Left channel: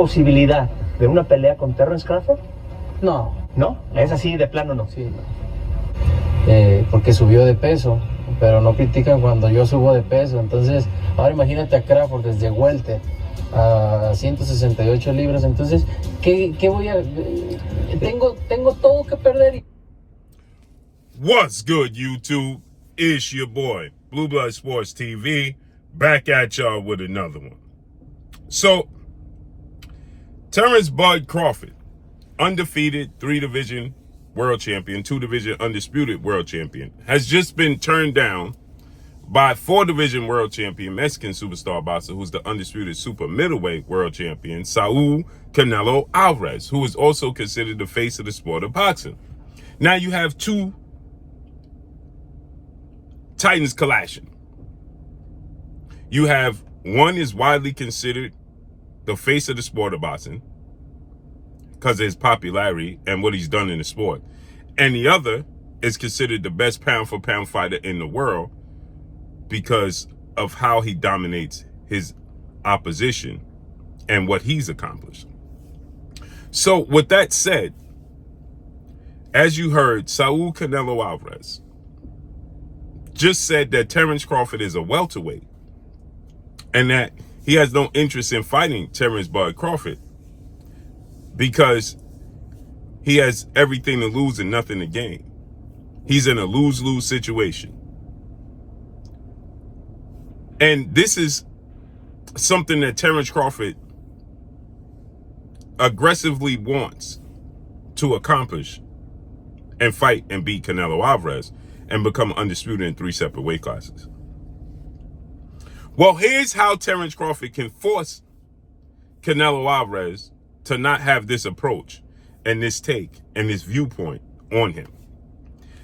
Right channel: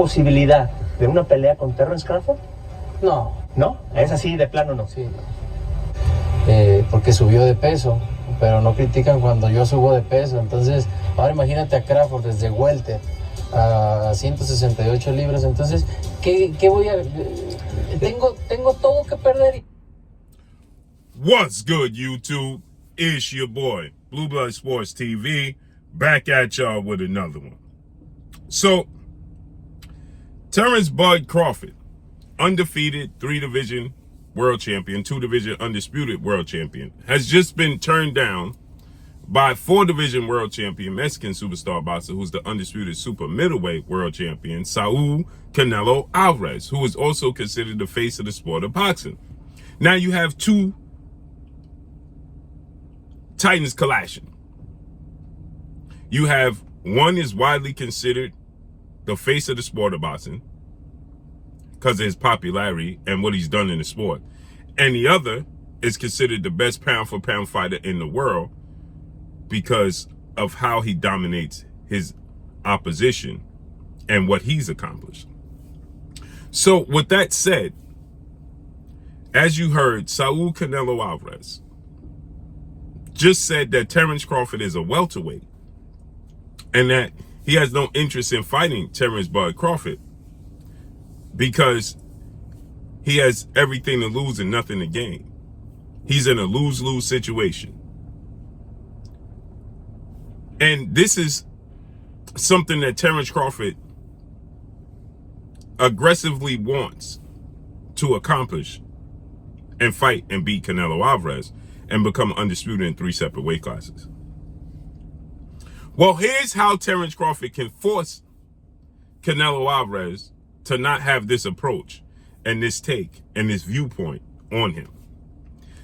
posibilidad de una pelea con Terence Crawford? No. ¿No? ¿Es así de plano no? Sí, no. Porque subió de peso, pero no critican cuando yo subo de peso. Entonces, ahora imagínate a Crawford desde welter a 168 libras. Entonces, ¿qué voy a...? Tengo todo que perder. What's good, YouTube? It's your boy, Blue Blood Sports TV, back at y'all with another one. So, Terence Bud Crawford, undefeated 3-division world champion, 2-division undisputed world champion, has just been turned down by 4-division world champion, Mexican superstar boxer, who's the undisputed super middleweight world champion, Saul Canelo Alvarez, who is also considered the face of the sport of boxing. Now you have two titans clashing. You have one is widely considered the face of the sport of boxing because of his popularity and what he's done in the sport. And the other is considered the best pound for pound fighter in the world because of how he dominates his opposition and what he's accomplished. So with that said, as you heard, Saul Canelo Alvarez just said that Terence Crawford is a welterweight and that he has no interest in fighting Terence Bud Crawford because he has everything to lose and nothing to gain. He's in a lose-lose situation. And this is something that Terence Crawford aggressively wants to accomplish and fight and beat Canelo Alvarez and become undisputed in 3 separate weight classes. Well, here's how Terence Crawford can force Canelo Alvarez to not have this approach and this take and this viewpoint on him.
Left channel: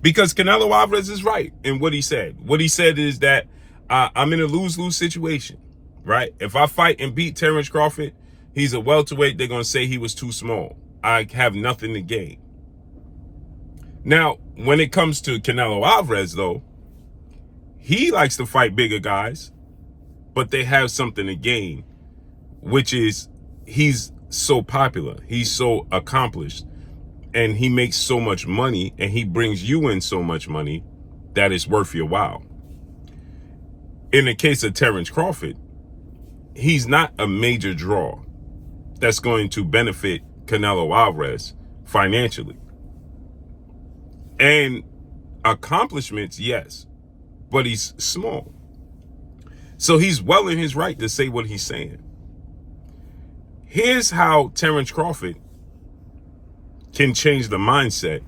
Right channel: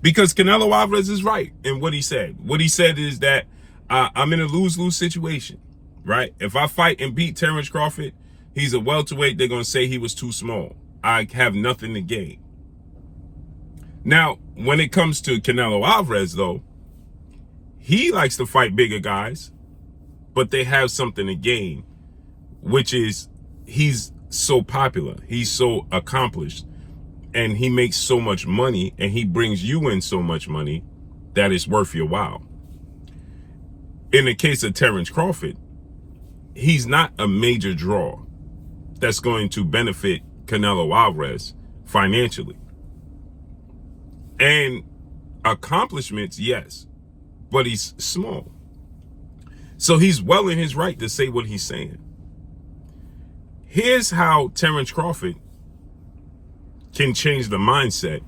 Because Canelo Alvarez is right in what he said. What he said is that I'm in a lose-lose situation, right? If I fight and beat Terence Crawford, he's a welterweight. They're going to say he was too small. I have nothing to gain. Now, when it comes to Canelo Alvarez, though, he likes to fight bigger guys, but they have something to gain, which is he's so popular, he's so accomplished, and he makes so much money, and he brings you in so much money that it's worth your while. In the case of Terence Crawford, he's not a major draw that's going to benefit Canelo Alvarez financially. And accomplishments, yes, but he's small. So he's well in his right to say what he's saying. Here's how Terence Crawford can change the mindset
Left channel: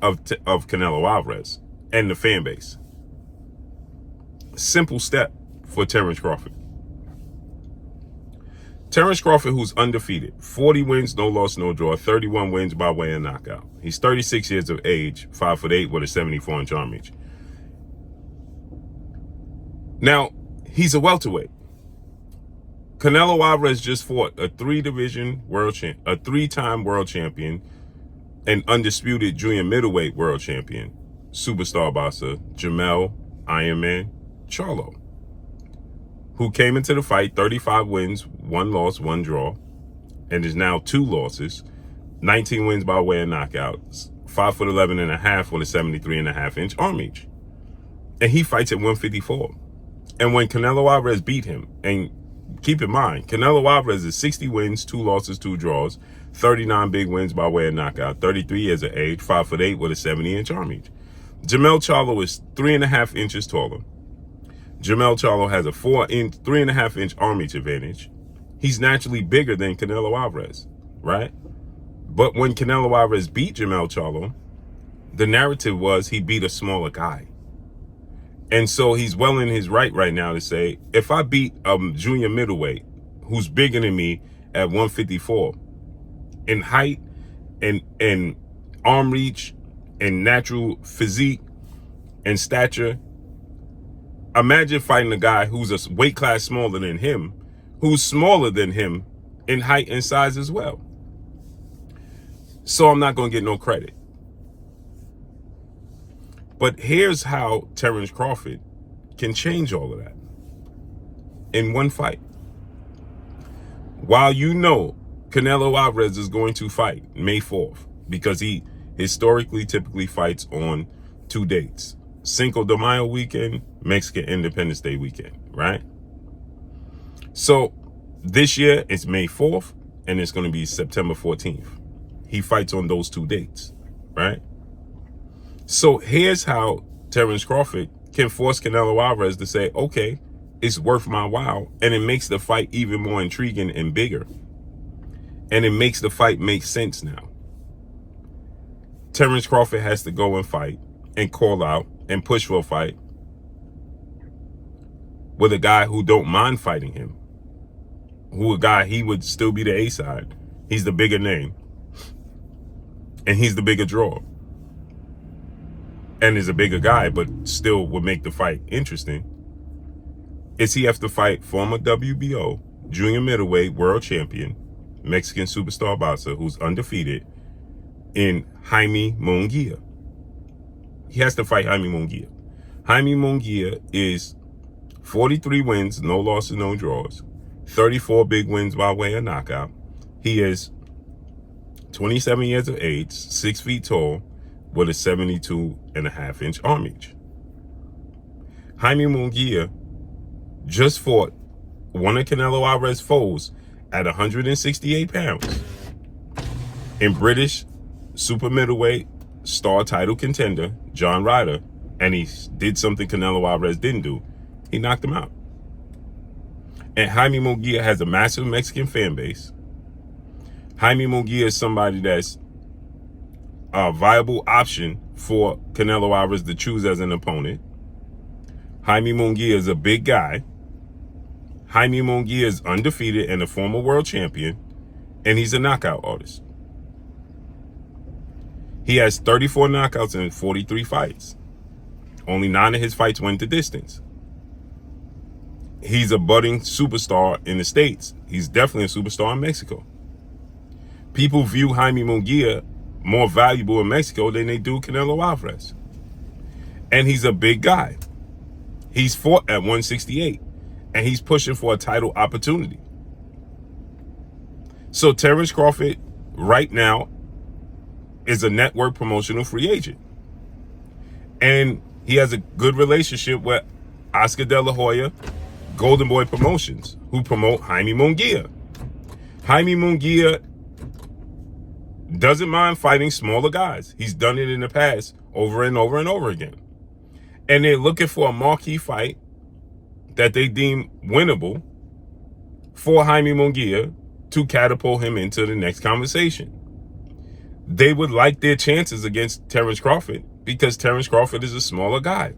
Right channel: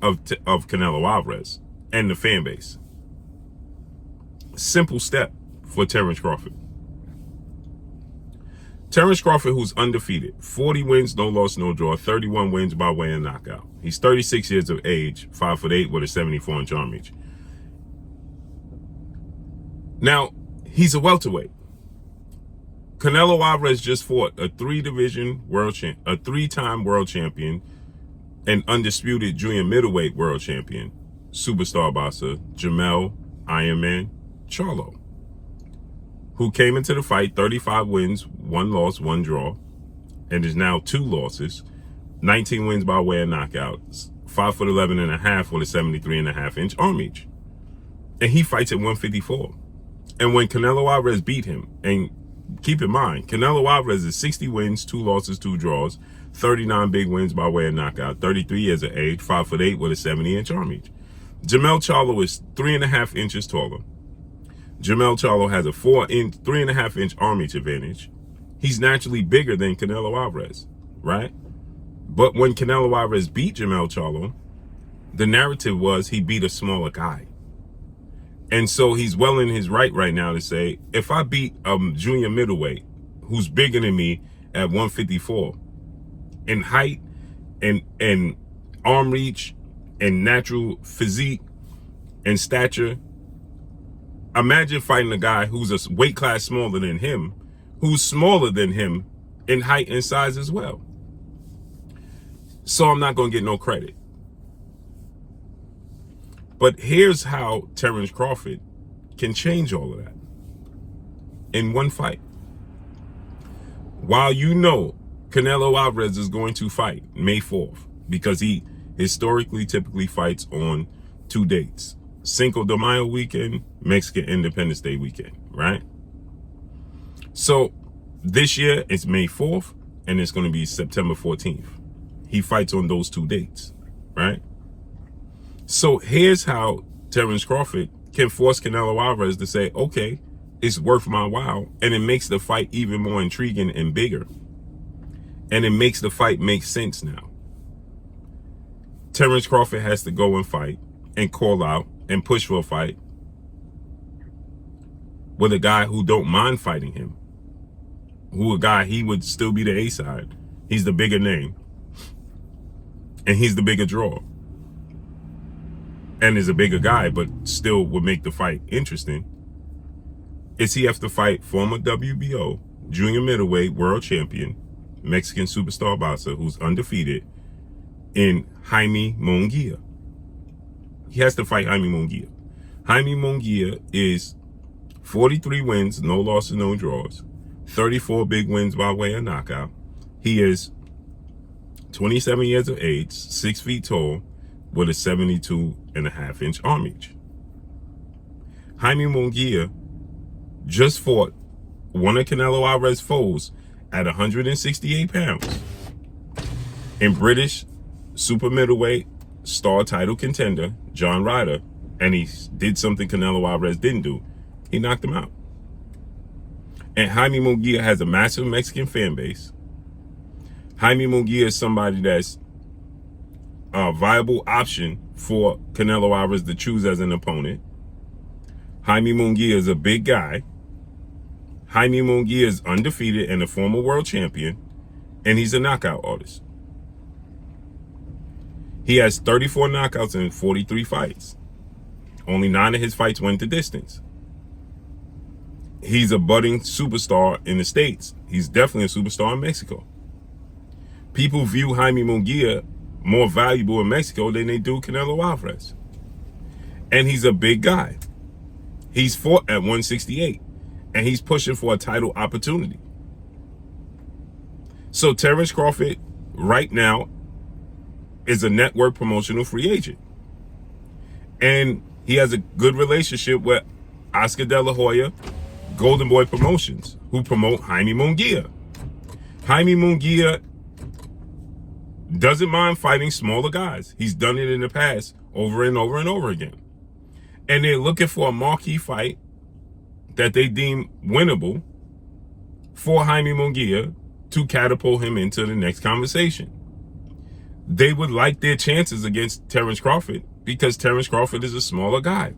of Canelo Alvarez and the fan base. Simple step for Terence Crawford. Terence Crawford, who's undefeated, 40 wins, no loss, no draw, 31 wins by way of knockout. He's 36 years of age, 5'8" with a 74-inch arm reach. Now, he's a welterweight. Canelo Alvarez just fought a 3-division world champ, a 3-time world champion, an undisputed junior middleweight world champion, superstar boxer Jermell Iron Man Charlo, who came into the fight 35 wins, 1 loss, 1 draw, and is now 2 losses, 19 wins by way of knockouts, 5'11" and a half with a 73.5-inch arm reach. And he fights at 154. And when Canelo Alvarez beat him, and keep in mind, Canelo Alvarez is 60 wins, 2 losses, 2 draws, 39 big wins by way of knockout, 33 years of age, 5'8" with a 70-inch arm reach. Jermell Charlo is 3.5 inches taller. Jermell Charlo has a 3.5-inch arm reach advantage. He's naturally bigger than Canelo Alvarez, right? But when Canelo Alvarez beat Jermell Charlo, the narrative was he beat a smaller guy. And so he's well in his right now to say, if I beat a junior middleweight who's bigger than me at 154 in height and arm reach and natural physique and stature, imagine fighting a guy who's a weight class smaller than him, who's smaller than him in height and size as well. So I'm not going to get no credit. But here's how Terence Crawford can change all of that in one fight. While you know Canelo Alvarez is going to fight May 4th because he historically typically fights on 2 dates. Cinco de Mayo weekend, Mexican Independence Day weekend, right? So this year it's May 4th and it's going to be September 14th. He fights on those 2 dates, right? So here's how Terence Crawford can force Canelo Alvarez to say, okay, it's worth my while. And it makes the fight even more intriguing and bigger. And it makes the fight make sense now. Terence Crawford has to go and fight and call out and push for a fight with a guy who don't mind fighting him. Who a guy, he would still be the A side. He's the bigger name. And he's the bigger draw. And is a bigger guy, but still would make the fight interesting. Is he have to fight former WBO junior middleweight world champion, Mexican superstar boxer who's undefeated in Jaime Munguia. He has to fight Jaime Munguia. Jaime Munguia is 43 wins, no losses, no draws. 34 big wins by way of knockout. He is 27 years of age, 6 feet tall, with a 72.5-inch arm reach. Jaime Munguia just fought one of Canelo Alvarez's foes at 168 pounds in British super middleweight star title contender John Ryder, and he did something Canelo Alvarez didn't do. He knocked him out. And Jaime Munguia has a massive Mexican fan base. Jaime Munguia is somebody that's a viable option for Canelo Alvarez to choose as an opponent. Jaime Munguia is a big guy. Jaime Munguia is undefeated and a former world champion, and he's a knockout artist. He has 34 knockouts in 43 fights. Only 9 of his fights went the distance. He's a budding superstar in the States. He's definitely a superstar in Mexico. People view Jaime Munguia more valuable in Mexico than they do Canelo Alvarez. And he's a big guy. He's fought at 168, and he's pushing for a title opportunity. So Terence Crawford right now is a network promotional free agent. And he has a good relationship with Oscar De La Hoya, Golden Boy Promotions, who promote Jaime Munguia. Jaime Munguia doesn't mind fighting smaller guys. He's done it in the past over and over and over again. And they're looking for a marquee fight that they deem winnable for Jaime Munguia to catapult him into the next conversation. They would like their chances against Terence Crawford because Terence Crawford is a smaller guy.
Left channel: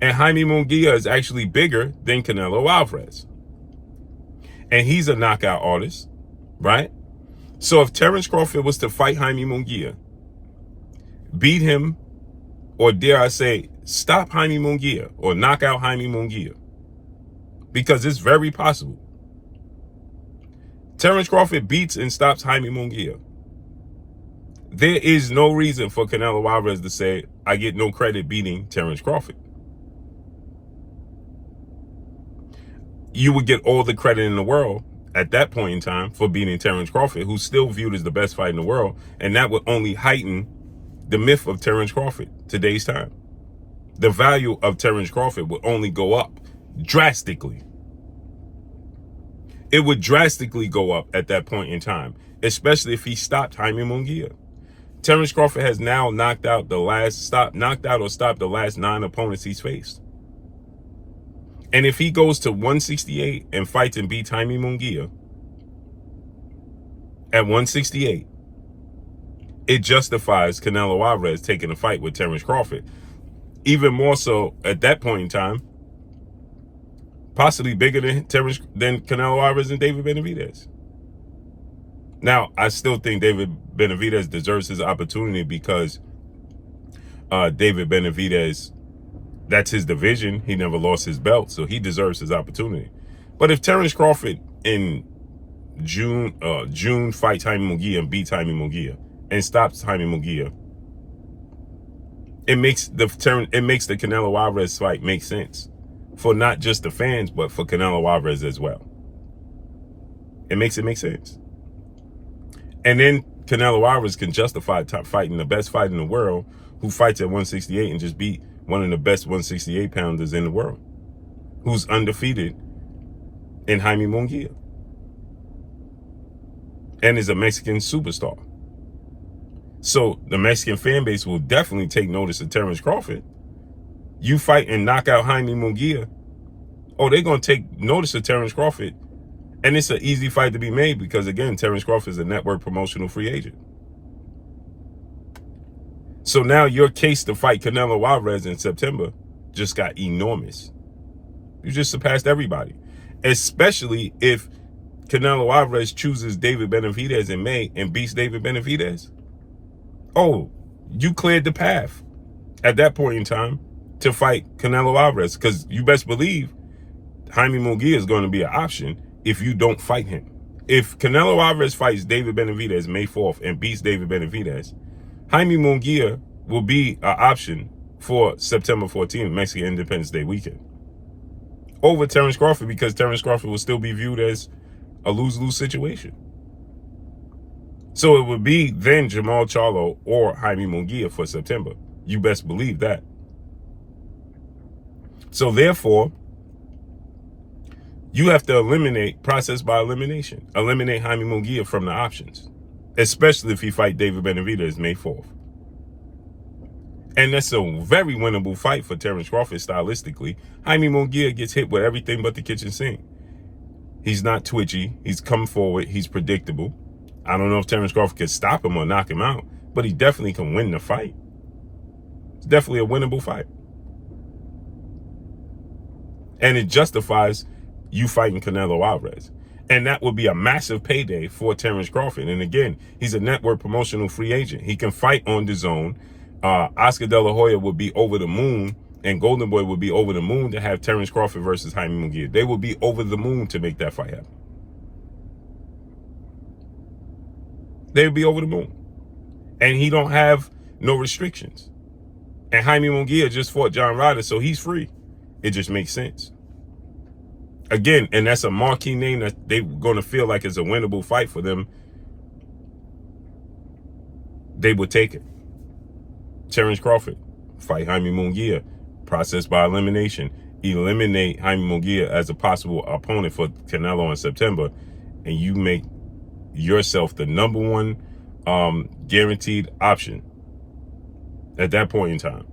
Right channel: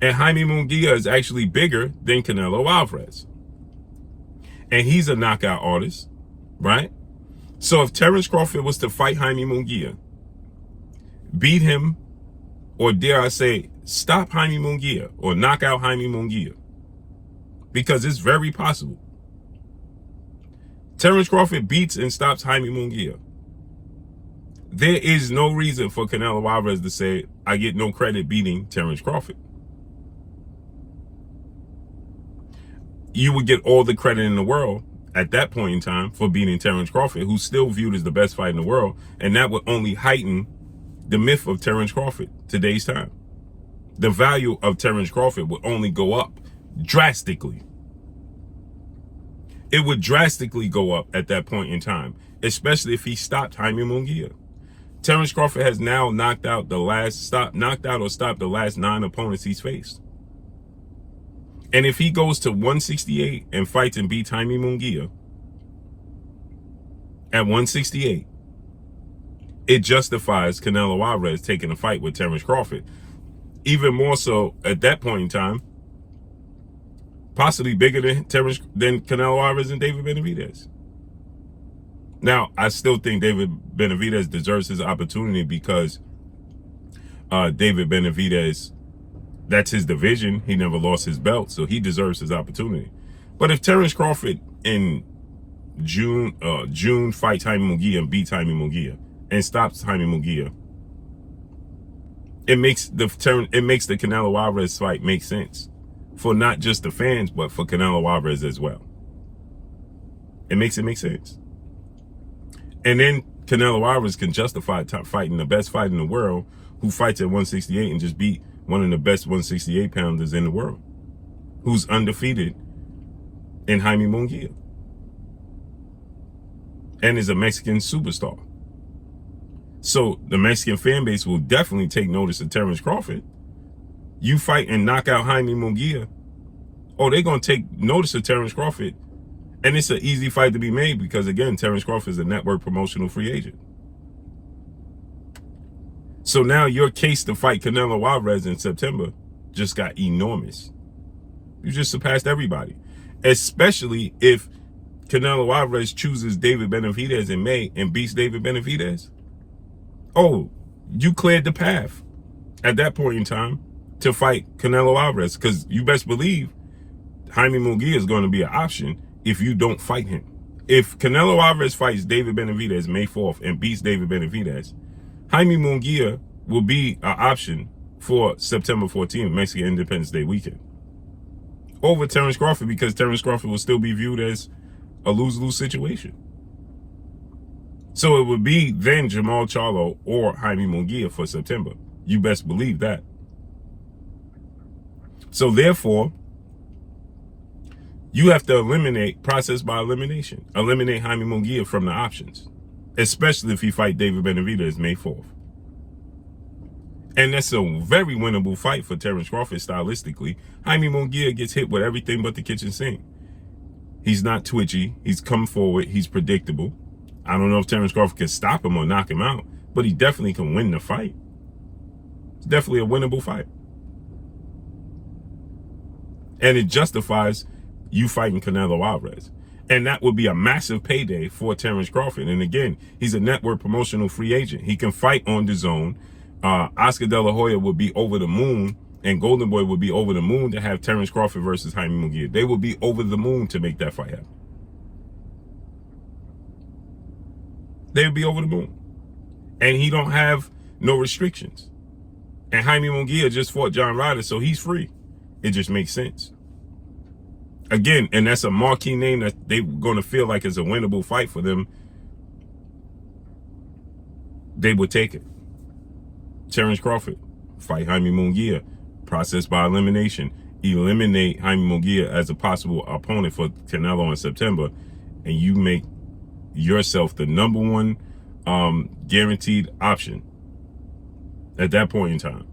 And Jaime Munguia is actually bigger than Canelo Alvarez. And he's a knockout artist, right? So if Terence Crawford was to fight Jaime Munguia, beat him, or dare I say, stop Jaime Munguia or knock out Jaime Munguia, because it's very possible. Terence Crawford beats and stops Jaime Munguia. There is no reason for Canelo Alvarez to say, I get no credit beating Terence Crawford. You would get all the credit in the world at that point in time for beating Terence Crawford, who's still viewed as the best fight in the world, and that would only heighten the myth of Terence Crawford today's time. The value of Terence Crawford would only go up drastically. It would drastically go up at that point in time, especially if he stopped Jaime Munguia. Terence Crawford has now knocked out or stopped the last 9 opponents he's faced. And if he goes to 168 and fights and beats Jaime Munguia at 168, it justifies Canelo Alvarez taking a fight with Terence Crawford. Even more so at that point in time, possibly bigger than Canelo Alvarez and David Benavidez. Now, I still think David Benavidez deserves his opportunity because David Benavidez, that's his division. He never lost his belt, so he deserves his opportunity. But if Terence Crawford in June fights Jaime Munguia and beats Jaime Munguia and stops Jaime Munguia, it makes the Canelo Alvarez fight make sense for not just the fans, but for Canelo Alvarez as well. It makes it make sense. And then Canelo Alvarez can justify fighting the best fighter in the world who fights at 168 and just beat one of the best 168 pounders in the world, who's undefeated in Jaime Munguia and is a Mexican superstar. So the Mexican fan base will definitely take notice of Terence Crawford. You fight and knock out Jaime Munguia, oh, they're going to take notice of Terence Crawford. And it's an easy fight to be made because, again, Terence Crawford is a network promotional free agent. So now your case to fight Canelo Alvarez in September just got enormous. You just surpassed everybody, especially if Canelo Alvarez chooses David Benavidez in May and beats David Benavidez. Oh, you cleared the path at that point in time to fight Canelo Alvarez, because you best believe Jaime Munguia is going to be an option if you don't fight him. If Canelo Alvarez fights David Benavidez May 4th and beats David Benavidez, Jaime Munguia will be an option for September 14th, Mexican Independence Day weekend, over Terence Crawford, because Terence Crawford will still be viewed as a lose-lose situation. So it would be then Jamal Charlo or Jaime Munguia for September. You best believe that. So therefore, you have to eliminate, process by elimination, eliminate Jaime Munguia from the options, especially if he fight David Benavidez May 4th. And that's a very winnable fight for Terence Crawford stylistically. Jaime Munguia gets hit with everything but the kitchen sink. He's not twitchy. He's come forward. He's predictable. I don't know if Terence Crawford can stop him or knock him out, but he definitely can win the fight. It's definitely a winnable fight. And it justifies you fighting Canelo Alvarez. And that would be a massive payday for Terence Crawford. And again, he's a network promotional free agent. He can fight on DAZN. Oscar De La Hoya would be over the moon, and Golden Boy would be over the moon to have Terence Crawford versus Jaime Munguia. They would be over the moon to make that fight happen. They would be over the moon. And he don't have no restrictions. And Jaime Munguia just fought John Ryder, so he's free. It just makes sense. Again, and that's a marquee name that they're going to feel like is a winnable fight for them. They would take it. Terence Crawford, fight Jaime Munguia, process by elimination. Eliminate Jaime Munguia as a possible opponent for Canelo in September, and you make yourself the number one guaranteed option at that point in time.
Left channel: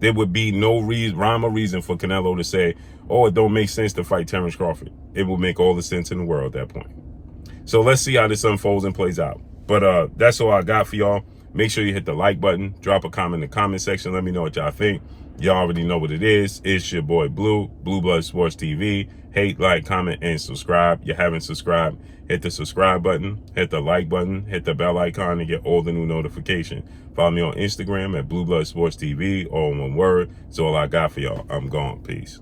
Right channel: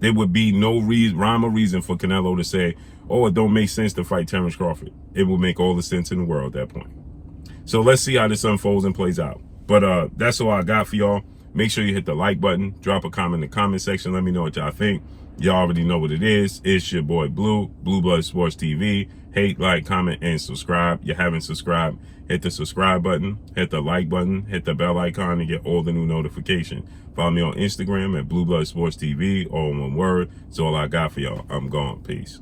There would be no rhyme or reason for Canelo to say, oh, it don't make sense to fight Terence Crawford. It will make all the sense in the world at that point. So let's see how this unfolds and plays out. But that's all I got for y'all. Make sure you hit the like button. Drop a comment in the comment section. Let me know what y'all think. Y'all already know what it is. It's your boy Blue, Blue Blood Sports TV. Hate, like, comment, and subscribe. You haven't subscribed, hit the subscribe button, hit the like button, hit the bell icon to get all the new notifications. Follow me on Instagram at Blue Blood Sports TV, all in one word. That's all I got for y'all. I'm gone. Peace.